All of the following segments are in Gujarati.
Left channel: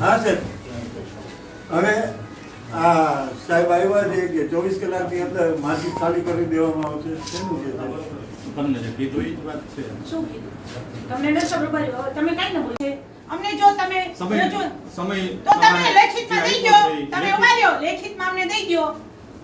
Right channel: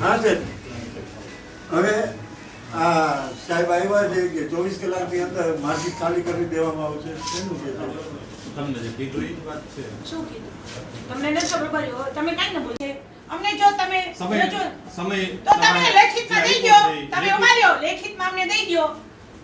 થશે સાહેબ. હવે આ સાહેબ આવ્યા છે કે ચોવીસ કલાકની અંદર માસિક ખાલી કરી દેવામાં આવશે. શેનું છે તમને કીધું એ વાત છે. શું કીધું? તમને નથી ખબર પડી. તમે કાંઈ ન બોલે. અમને જો તમે સમય જો સમય તો તમે લેખિતમાં દઈ દો. તમે ઉમાર્યો. લેખિતમાં અમને દઈ દો.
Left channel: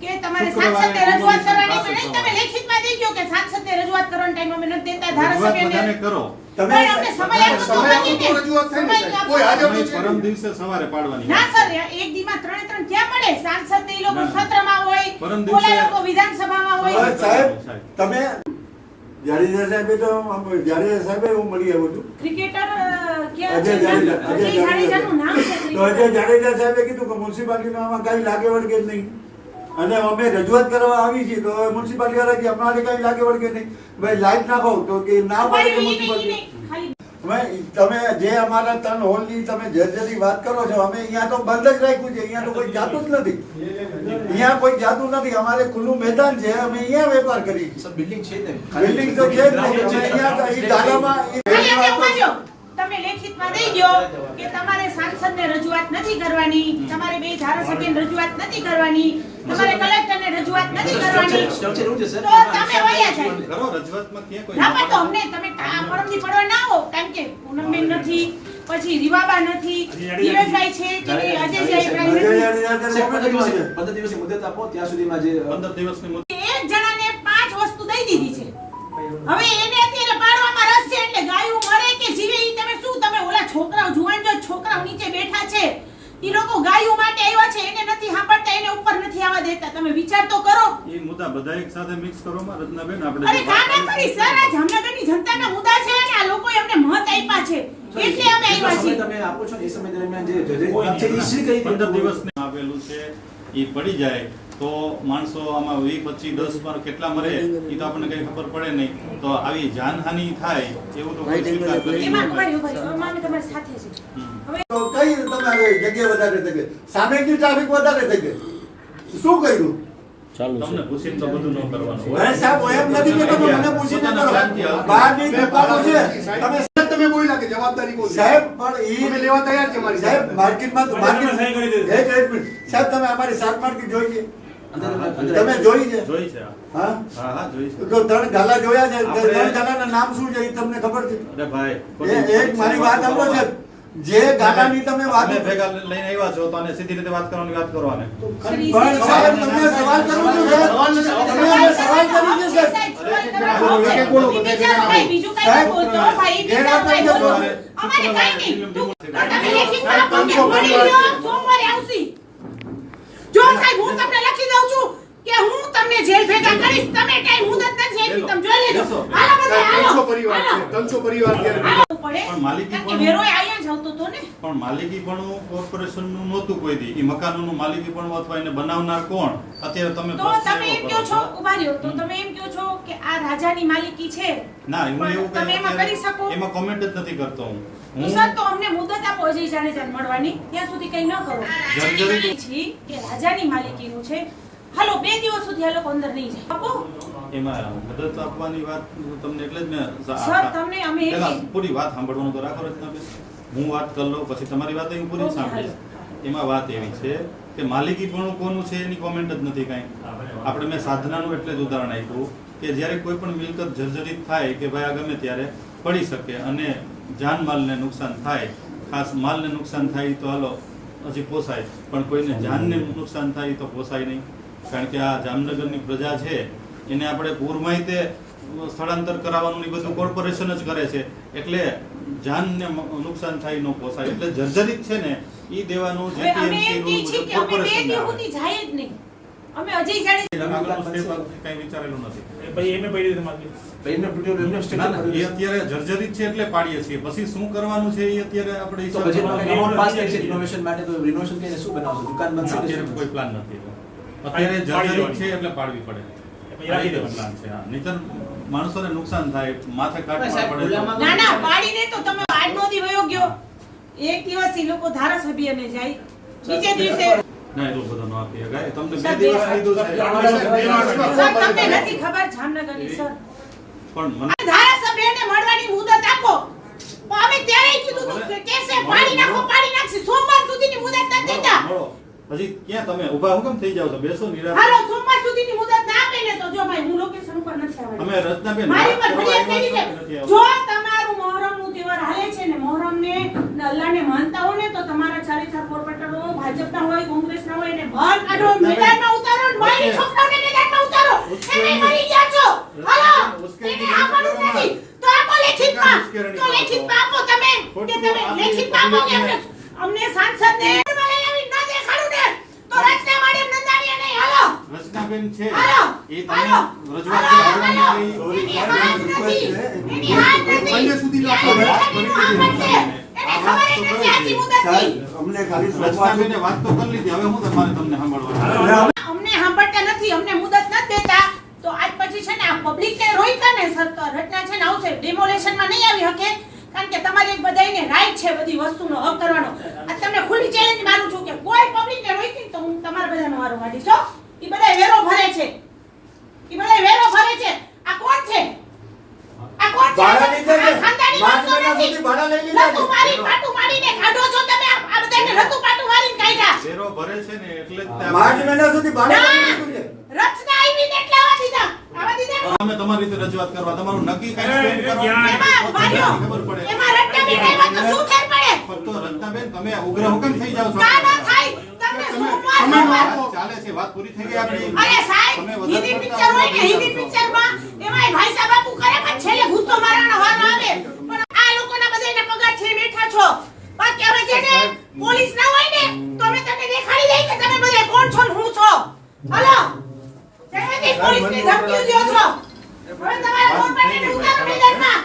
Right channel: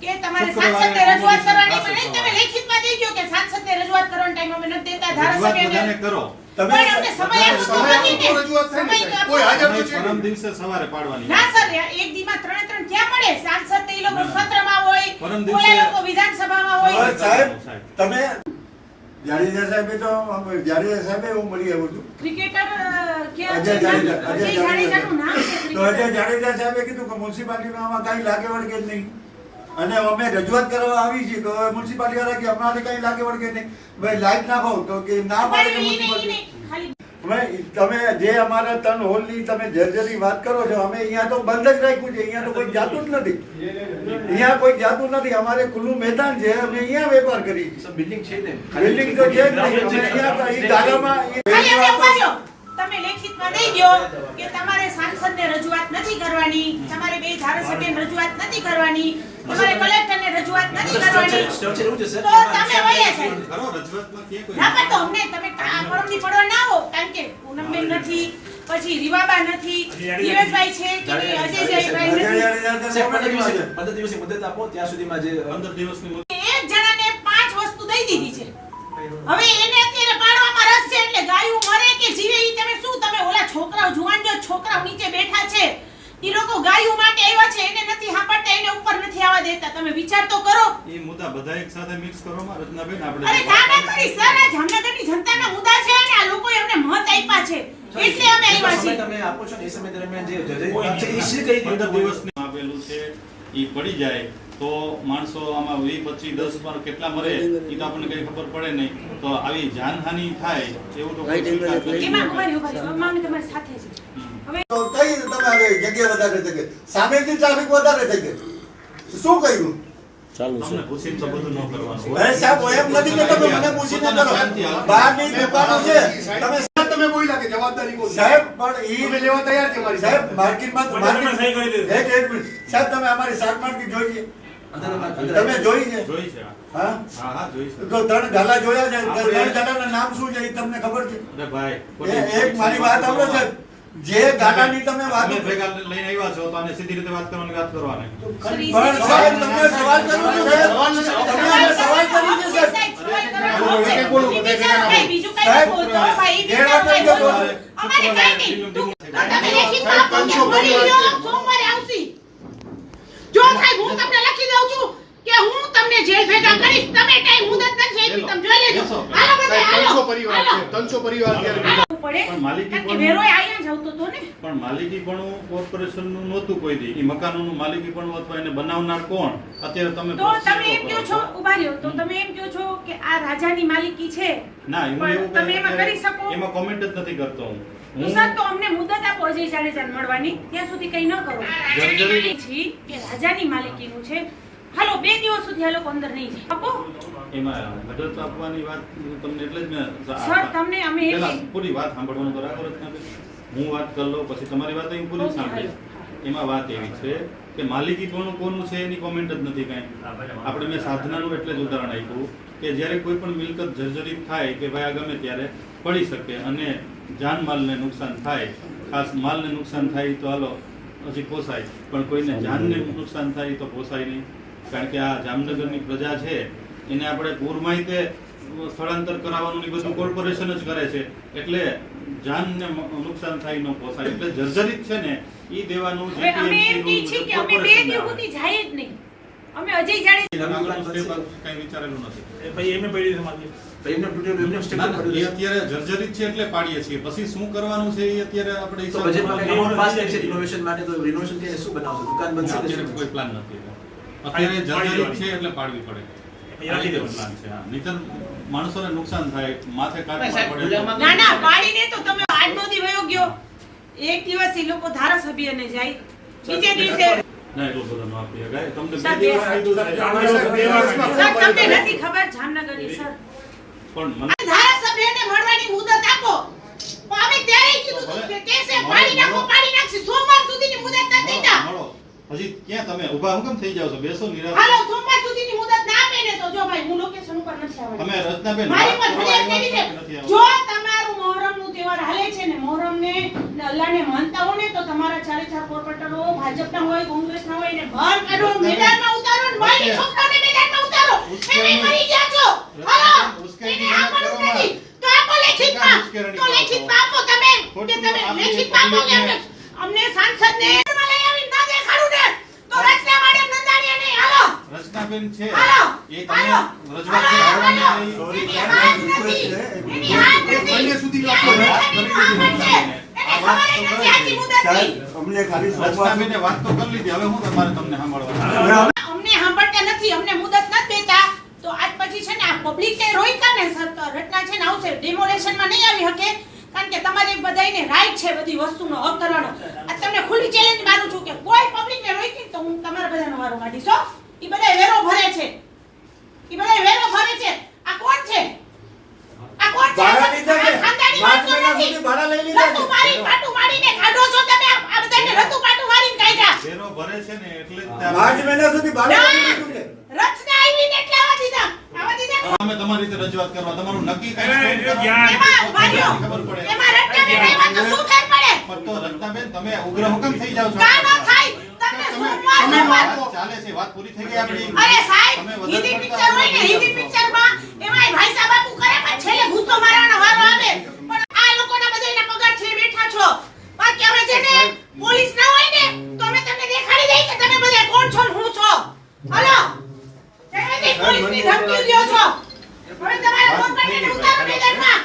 કે તમારે રજૂઆત કરવાની છે નહીં. તમે લેખિતમાં દઈ દો કે સાંસદને રજૂઆત કરવાનો ટાઈમ અમે નથી દેતા. ધારાસભ્યને કરો. તમે અમને સમય આપો તો નથી આપો રજૂઆત થઈ ને સાહેબ. કોઈ હાજર નથી. પરમ દિવસે સવારે પાડવાની ના સર એક દીમાં ત્રણે ત્રણ ક્યાં પડે સાંસદ તે લોકો સત્રમાં હોય પરમ દિવસે- લોકો વિધાનસભામાં હોય. સાહેબ તમે જાડેજા સાહેબે તો જાડેજા સાહેબે હું મળી આવ્યો છું. ક્રિકેટર કે અજય જાડેજા અજય અજય નામ છે જાડેજા તો અજય જાડેજા સાહેબે કીધું કે મ્યુનિસિપાલિટીમાં આમાં કાંઈ લાગે વળગે જ નહીં. અને અમે રજૂઆત કરવા આવી છીએ તો હવે મ્યુનિસિપાલિટી વાળા કે અમારે કઈ લાગે વળગે નહીં. ભાઈ લાઈટ નાખો તો કે ના પાડે કે મ્યુનિસિપાલિટી. તમે જે અમારા ત્રણ હોલની તમે જર્જરી વાત કરો છો અમે અહીંયા તો બંધ જ રાખ્યું છે. અહીંયા તો કોઈ જાતું જ નથી. અહીંયા કોઈ જાતું નથી. અમારે ખુલ્લું મેદાન છે. અમે અહીંયા વેપાર કરી બિલ્ડિંગ છે ને? બિલ્ડિંગ તો છે જ નહીં. રહ્યો. તમે લેખિતમાં દઈ દ્યો કે તમારે સાંસદને રજૂઆત નથી કરવાની. તમારે બે ધારાસભ્યને રજૂઆત નથી કરવાની. તમારે કલેક્ટરને રજૂઆત નથી કરવાની. તો તમે વયા જાય. કરો રજૂઆતમાં કે કોઈ ના પણ તો અમને તમે પરમદી પડવા ના હો કારણ કે પૂનમબેન નથી પછી રીવાબા નથી ધીરજભાઈ છે કે અજયભાઈ. પંદર દિવસની મુદત આપો ત્યાં સુધીમાં જે પંદર દિવસની મુદત એક જણાને પાંચ વસ્તુ દઈ દીધી છે. હવે એને અત્યારે પાડવામાં રસ છે એટલે ગાયું મરે કે જીવે એ તમે શું? તમે ઓલા છોકરાઓ જુવાન જો છોકરાઓ નીચે બેઠા છે. ઈ લોકો ગાયો માટે આવ્યા છે એને નથી હાંપડતા એને ઉપર નથી આવવા દેતા. તમે વિચાર તો કરો. એ મુદ્દા બધા એક સાથે મિક્સ કરવામાં રચનાબેન આપણે અરે ના કરી સર આ જામનગરની જનતાના મુદ્દા છે અને આ લોકો એમને મત આપ્યા છે. એટલે અમે આવ્યા છીએ. તમે આપો છો એ સમય દરમિયાન જે જજે છે ઈ શ્રી કઈ દિવસ આપેલું છે ઈ પડી જાય તો માણસો આમાં વી પચીસ દસ પર કેટલા મરે એ તો આપણને કઈ ખબર પડે નહીં. તો આવી જાનહાનિ થાય એવું તો કોઈ સ્વીકાર કરી કઈ રીતે જગ્યા વધારે થઈ ગઈ. સામેથી ટ્રાફિક વધારે થઈ ગઈ. શું કર્યું? તમને પૂછીને તો બધું ન કરવાનું હોય. સાહેબ એમ નથી કે તમે મને પૂછીને કરો. બહારની દુકાનો છે. તમે તમે બોલ્યા કે જવાબદારી કોની? સાહેબ પણ ઈ લેવા તૈયાર છે મારી સાહેબ માર્કેટમાં તો માર્કેટ સહી કરી દીધી. એક એક મિનિટ. સાહેબ તમે અમારી શાક માર્કેટ જોઈ છે? તમે જોઈ છે? જોઈ છે હા. હા? હા જોઈ છે. તો ત્રણ ગાલા જોયા છે. ત્રણ ગાલાના નામ શું છે એ તમને ખબર છે? અરે ભાઈ એક મારી વાત સાંભળો છે જે ગાલાની તમે વાત ભેગા લઈને આવ્યા છો તો આને સીધી રીતે વાત કરવાની વાત કરવાની. પણ સાહેબ તમને સવાલ કરું છું સાહેબ. તમે હવે સવાલ કરી છે સાહેબ. બોલો, બીજું કઈ બોલતો, ભાઈ, ઈ ગેર બિચારો કઈ બોલો. અમારે કઈ નહીં. તું- તમે લેખિતમાં આપો, પાંચસો કે મળી પરિવાર લો, સોમવારે આવશી. જો સાહેબ હું તમને લખી દઉં છું કે હું તમને જેલ ભેગા કરીશ. તમે કઈ મુદત નથી આપી. તમે જોઈ લેજો. હાલો બધા હાલો. ત્રણસો પરિવાર છે. હાલો. ત્રણસો પરિવાર ત્યારે હાલો પડે. પણ માલિકી પણ- વેરો આયા જ આવતો તો ને. પણ માલિકી પણ કોર્પોરેશનનું નહોતું કોઈ દી. એ મકાનોનું માલિકી પણ અથવા એને બનાવનાર કોણ? અત્યારે તમે તો તમે એમ કહો છો. ઊભા રહ્યો તો તમે એમ કહો છો કે આ રાજાની માલિકી છે. ના હું એવું તમે એમાં કરી શકો? એમાં કોમેન્ટ જ નથી કરતો હું. સર તો અમને મુદત આપો અજય મળવાની. ત્યાં સુધી કઈ ન કરો. જર્જરિત- છી કે રાજાની માલિકીનું છે. હાલો બે દિવસ સુધી આ લોકો અંદર નહીં જાય. આપો. એમાં મદદ આપવાની વાત હું તમને એટલે જ મેં સર તમને અમે પહેલા પૂરી વાત સાંભળવાનું તો રાખો રચનાબેન હું વાત કરી લઉં પછી તમારી વાત હું પૂરી સાંભળીશ. એમાં વાત એવી છે કે માલિકી પણ કોનું છે એની કોમેન્ટ જ નથી કાંઈ. આપણે મેં સાધનાનું એટલે જ ઉદાહરણ આપ્યું કે જ્યારે કોઈ પણ મિલકત જર્જરિત થાય કે ભાઈ આ ગમે ત્યારે પડી શકે અને જાનમાલને નુકસાન થાય ખાસ માલને નુકસાન થાય તો હાલો હજી પોસાય. પણ કોઈને જાનને નુકસાન થાય તો પોસાય નહીં. કારણ કે આ જામનગરની પ્રજા છે એને આપણે પૂરમાં તે સ્થળાંતર કરાવવાનું ને બધું કોર્પોરેશન જ કરે છે. એટલે જાનને નુકસાન થાય ન પોસાય. એટલે જર્જરિત છે ને ઈ દેવાનું જીપીએમસી રૂલ મુજબ કે અમે બે કોર્પોરેશનને આવે. જાય જ નહીં. અમે અજય જાડે વિચારેલું નથી. એ પછી એમને પડી દીધું માગે તો એમનો તૂટેલું એમનો ના, સ્ટેટમેન્ટ ના, અત્યારે જર્જરિત છે એટલે પાડીએ છીએ. પછી શું કરવાનું છે એ અત્યારે આપણે રિનોવેશન માટે તો રિનોવેશન કે શું બનાવશું? દુકાન બનશે અત્યારે કોઈ પ્લાન નથી. અત્યારે પાડી છે એટલે પાડવી પડે. નહીંતર માણસોને નુકસાન થાય માથે કાટમાં પડે. ના ના પાડીને તો તમે આજનો દી વયો ગયો. એક દિવસ એ લોકો ધારાસભ્યને જાય. બીજે દિવસે ના એટલું બધું ન આપી શકાય. તમને બે દિવસ કીધું છે. તમને નથી ખબર જામનગરની સર. પણ મને ધારાસભ્યને મળવાની મુદત આપો. હવે ત્યારે કીધું કે કેસે પાડી નાખો પાડી નાખશે. સોમવાર સુધીની હજી ક્યાં તમે ઊભા? હું કેમ થઈ જાવ છો? બેસો નિરાશ હાલો સોમવાર સુધીની મુદત ના આપે ને તો જો ભાઈ હું લોકેશન ઉપર નથી આવવાની. તમે રચનાબેન મારી પર ફરિયાદ કરી છે. જો તમારું મોહરમનું તહેવાર હાલે છે ને મોહરમ ને અલ્લાહ ને માનતા હો ને તો તમારા ચારે ચાર કોર્પોરેટરો ભાજપના હોય કોંગ્રેસ ના હોય ને બહાર કાઢો મેદાનમાં ઉતારો ને મારી છોકરાને મેદાનમાં ઉતારો એને મરી ગયા છો. હાલો એને આપવાનું નથી. તો આપો લેખિતમાં તો લેખિતમાં આપો તમે કે તમે લેખિતમાં આપો અમને સાંસદ સાંસદને લઈ આવી ના દેખાડું ને તો રચના મેડમ નંદાણીયા નહીં હાલો રચનાબેન છે. એ તમે રજૂઆત. સુધી. સાહેબ અમને ખાલી રચનાબેને વાત તો કરી લીધી. હવે હું તમારે તમને સાંભળવાનું અમને સાંભળતા નથી. અમને મુદત નથી દેતા. તો આજ પછી છે ને આ પબ્લિક ને ને સરકાર તો રચના છે ને આવશે. ડેમોલેશનમાં નહીં આવી શકે કારણ કે તમારે બધાને રાઈટ છે બધી વસ્તુનો હક કરવાનો. આ તમને ખુલ્લી ચેલેન્જ માનું છું કે કોઈ પબ્લિક ને રોકી તો હું તમારા બધાનો વારો કાઢીશ હો ઈ બધા વેરો ભરે છે ઈ બધા વેરો ભરે છે આ કોણ છે આ કોણ છે ભાડા લીધા છે. આ ખાનદાની પાંચ માણસો મહિના નથી. સુધી ભાડા લઈ લીધા છે. રતું મારી પાટું મારીને કાઢો છો તમે આ આ બધાને રતું પાટું મારીને કાઢ્યા ભરે છે ને એટલે માર્ચ મહિના સુધી રચના આવી ને એટલે આવા દીધા. આવા દીધા. અમે તમારી રીતે રજૂઆત કરવા તમારું નક્કી કઈ એ, કરો. એમાં ખબર પડે. એમાં રત્નાબેન તો શું ફેર પડે? પણ તો રત્નાબેન તમે ઉગ્ર હુકમ થઈ જાવ છો. કા ના થાય તમને સોમવાર સોમવાર વાત ચાલે છે વાત પૂરી થઈ ગઈ આપણી. અરે સાહેબ તમે હિન્દી પિક્ચર હોય ને હિન્દી પિક્ચરમાં એમાંય ભાઈ સાહેબ બાપુ કરે પણ છેલ્લે ગુસ્સો મારવાનો વારો આવે. પણ આ લોકોના બધાયના પગાર છે બેઠા છો. બાકી હવે છે ને પોલીસ ના કોણ છો હું છો? હલો. તમે પોલીસની ધમકી દો છો. હવે તમારા મમ્મીને ઢૂંઢ્યા મેદાનમાં